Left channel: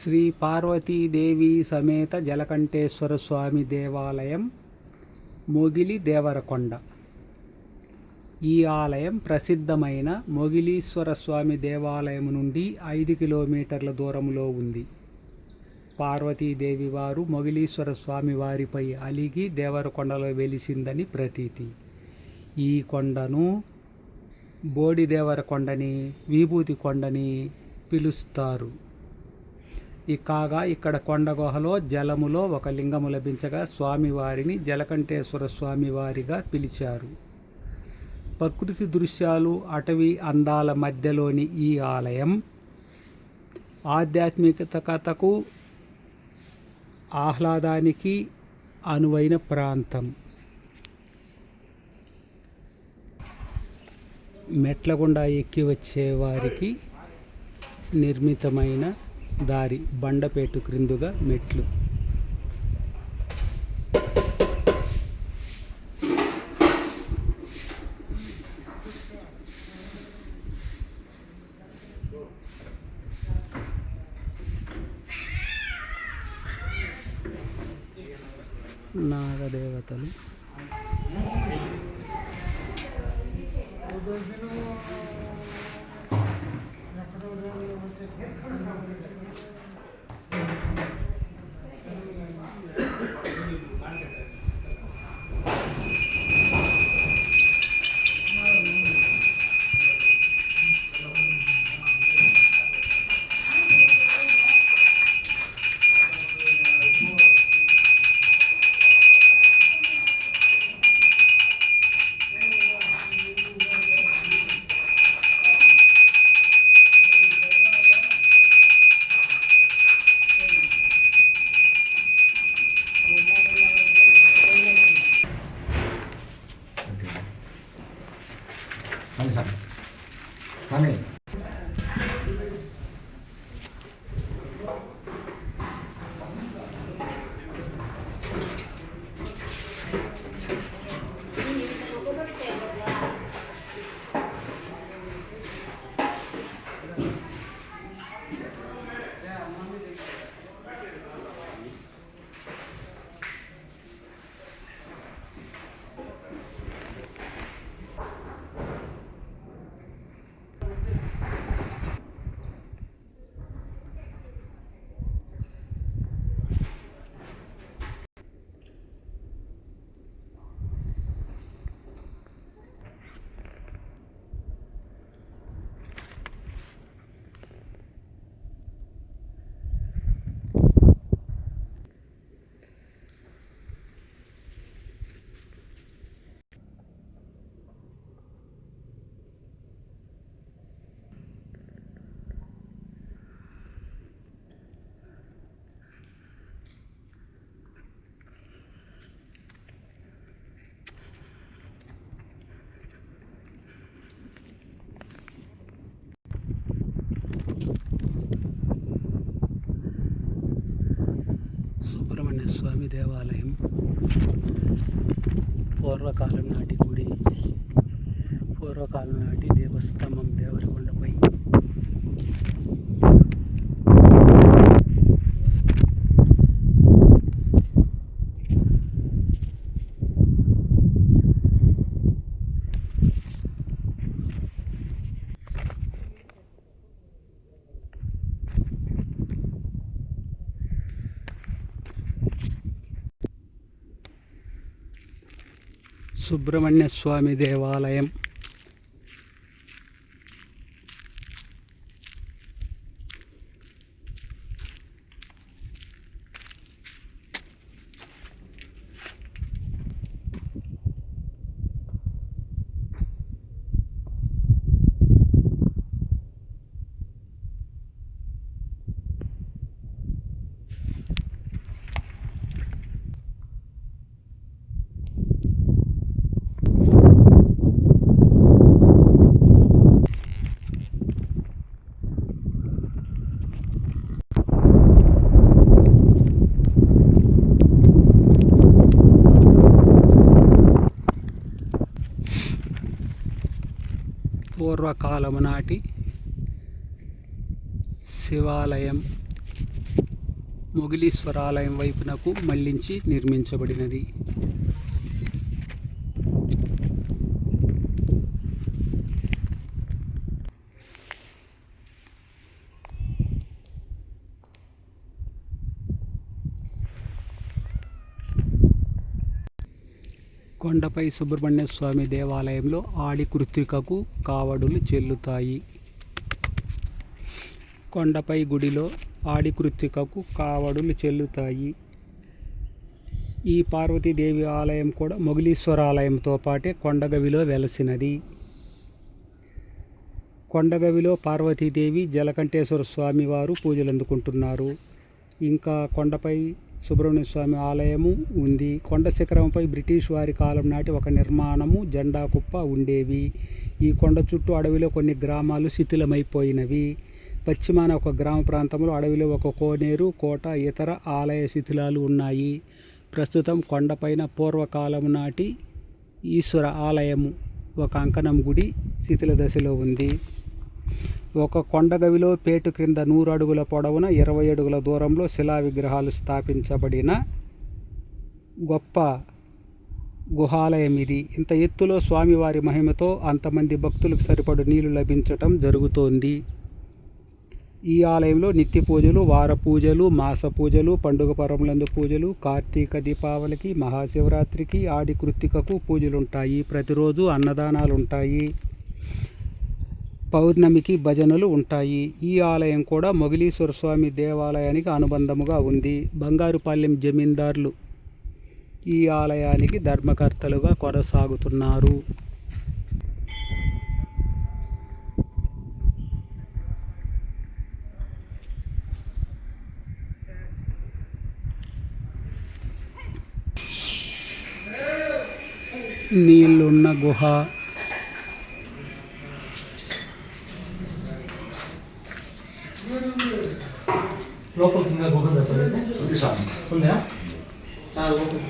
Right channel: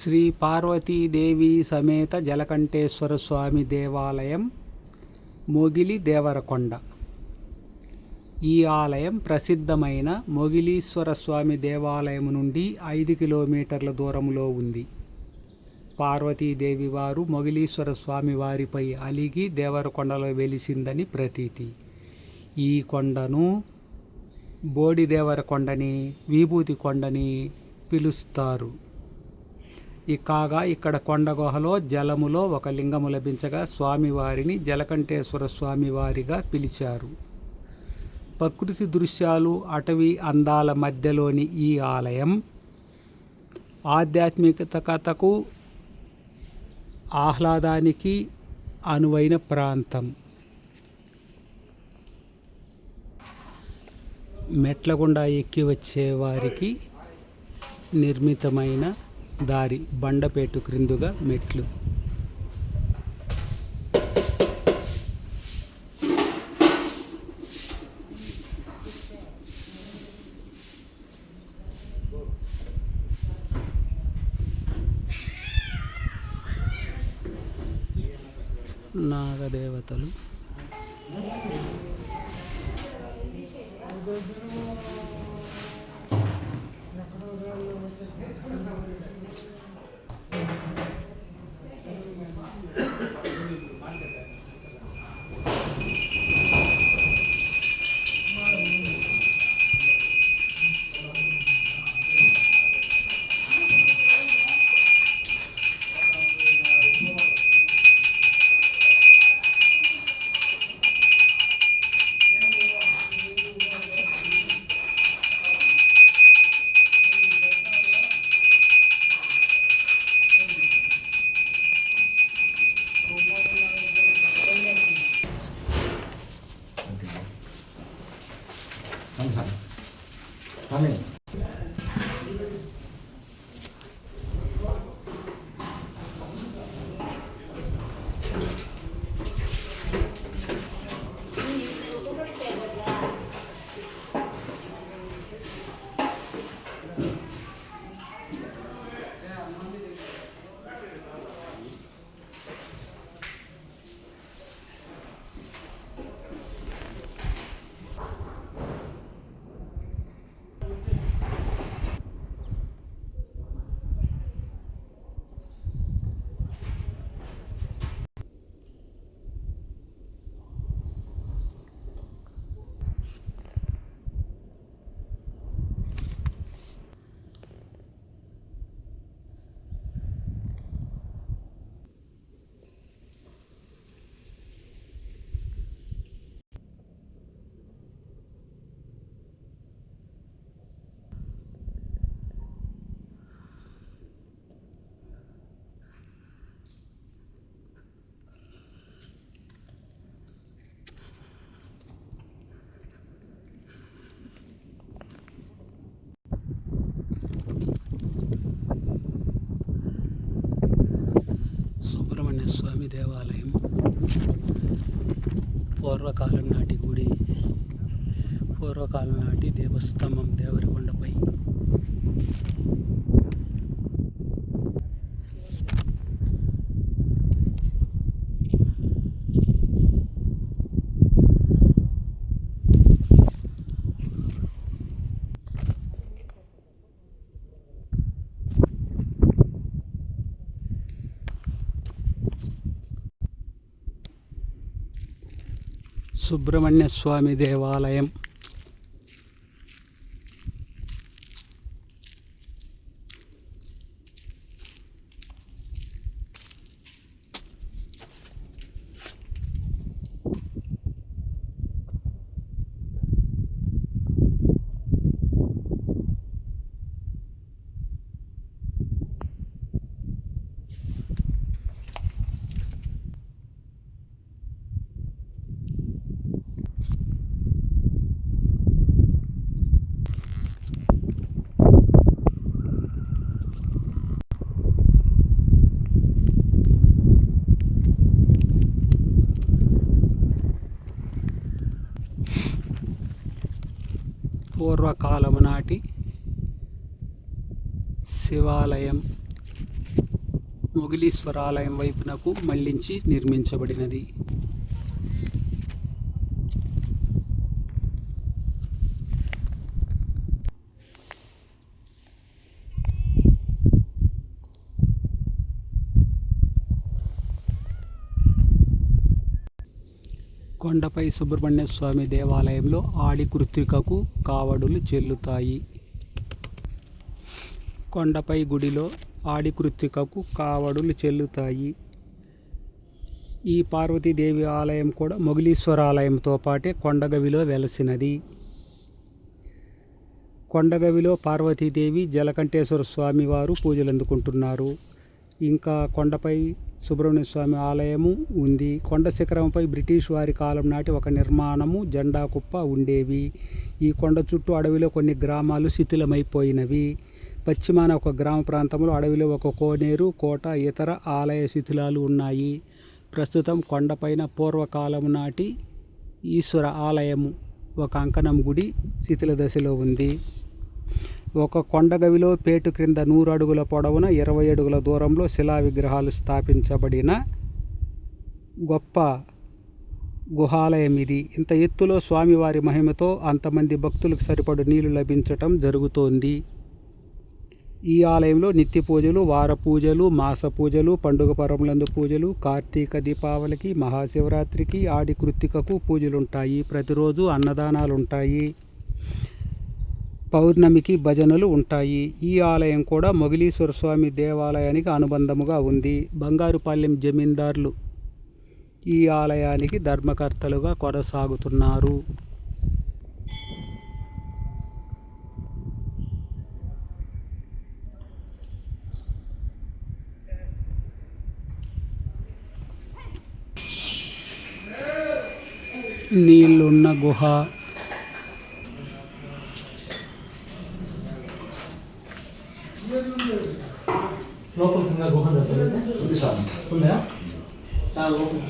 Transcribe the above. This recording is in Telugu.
శ్రీ పార్వతీదేవి సమేత జలకంఠేశ్వర స్వామి దేవాలయం, మొగిలి దేవరకొండ. ఈ ఆలయం ప్రసిద్ధమైన మొగిలీశ్వర స్వామి దేవాలయం నుండి 5 కిలోమీటర్ల దూరంలో ఉంది. పార్వతీదేవి వారు మొగిలీశ్వర స్వామి వారిపై అలిగి దేవరకొండలో వెలిసిందని ప్రతీతి. ఈ కొండను బోడి దేవరకొండని, విభూతి కొండని పిలుస్తారు. కాగా ఇక్కడ కొండ గుహలో జలములో ఒక లింగము లభించగా స్వామివారిని జలకంఠేశ్వర స్వామివారిగా పిలిచారు. ప్రకృతి దృశ్యాలు, అటవీ అందాల మధ్యలోని ఈ ఆలయం ఆధ్యాత్మికతకు, ఆహ్లాదానికి అనువైన ప్రాంతం. మెట్ల గుండా ఎక్కి వచ్చే వారికి నిర్మితమైన దారి, బండపేటు క్రిందుగా మెట్లు. నాగదేవతలు, సుబ్రహ్మణ్య స్వామి దేవాలయం, పూర్వకాలం నాటి గుడి, పూర్వకాలం నాటి దేవస్తంభం దేవరకొండపై. సుబ్రహ్మణ్య స్వామి దేవాలయం. పూర్వకాలము నాటి శివాలయం, మొగిలీశ్వరాలయం వైపునకు మళ్లించి నిర్మించబడినది. కొండపై సుబ్రహ్మణ్య స్వామి దేవాలయంలో ఆడి కృత్తికకు కావడులు చెల్లుతాయి. కొండపై గుడిలో ఆడి కృత్తికకు కావడులు చెల్లుతాయి. ఈ పార్వతీదేవి ఆలయం కూడా మొగిలీశ్వర ఆలయంతో పాటే కొండగవిలో వెలసినది. కొండగవిలో పార్వతీదేవి, జలకంఠేశ్వర స్వామి వారు పూజలు అందుకుంటున్నారు. ఇంకా కొండపై సుబ్రహ్మణ్య స్వామి ఆలయము ఉంది. కొండ శిఖరంపై బ్రిటిష్ వారి కాలం నాటి ఒక నిర్మాణము, జెండా కుప్ప ఉండేవి. ఈ కొండ చుట్టూ అడవిలో కొన్ని గ్రామాలు శిథిలమైపోయినవి. పశ్చిమాన ఒక గ్రామ ప్రాంతంలో అడవిలో ఒక కోనేరు, కోట, ఇతర ఆలయ శిథిలాలు ఉన్నాయి. ప్రస్తుతం కొండపైన పూర్వకాలం నాటి ఈశ్వర ఆలయము, ఒక అంకణం గుడి శిథిల దశలో ఉంది. ఒక కొండగవిలో పేటు క్రింద 100 అడుగుల పొడవున 20 అడుగుల దూరంలో శిలా విగ్రహాలు స్థాపించబడిన గొప్ప గుహాలయం ఇది. ఇంత ఎత్తులో స్వామివారి మహిమతో అంతమంది భక్తులకు సరిపడు నీళ్లు లభించటం జరుగుతోంది. ఈ ఆలయంలో నిత్య పూజలు, వార పూజలు, మాస పూజలు, పండుగ పరములందు పూజలు, కార్తీక దీపావళికి, మహాశివరాత్రికి, ఆడి కృత్తికకు పూజలుంటాయి. ప్రతిరోజు అన్నదానాలుంటాయి. పౌర్ణమికి భజనలు ఉంటాయి. ఈ ఆలయం కూడా మొగిలీశ్వర స్వామి దేవాలయానికి అనుబంధముగా ఉంది. బంగారుపాలెం జమీందారులు ఈ ఆలయానికి ధర్మకర్తలుగా కొనసాగుతున్నారు. నీళ్ళున్న గుహ, లోపల కింద గుహ ఉందా? చాలా లోపల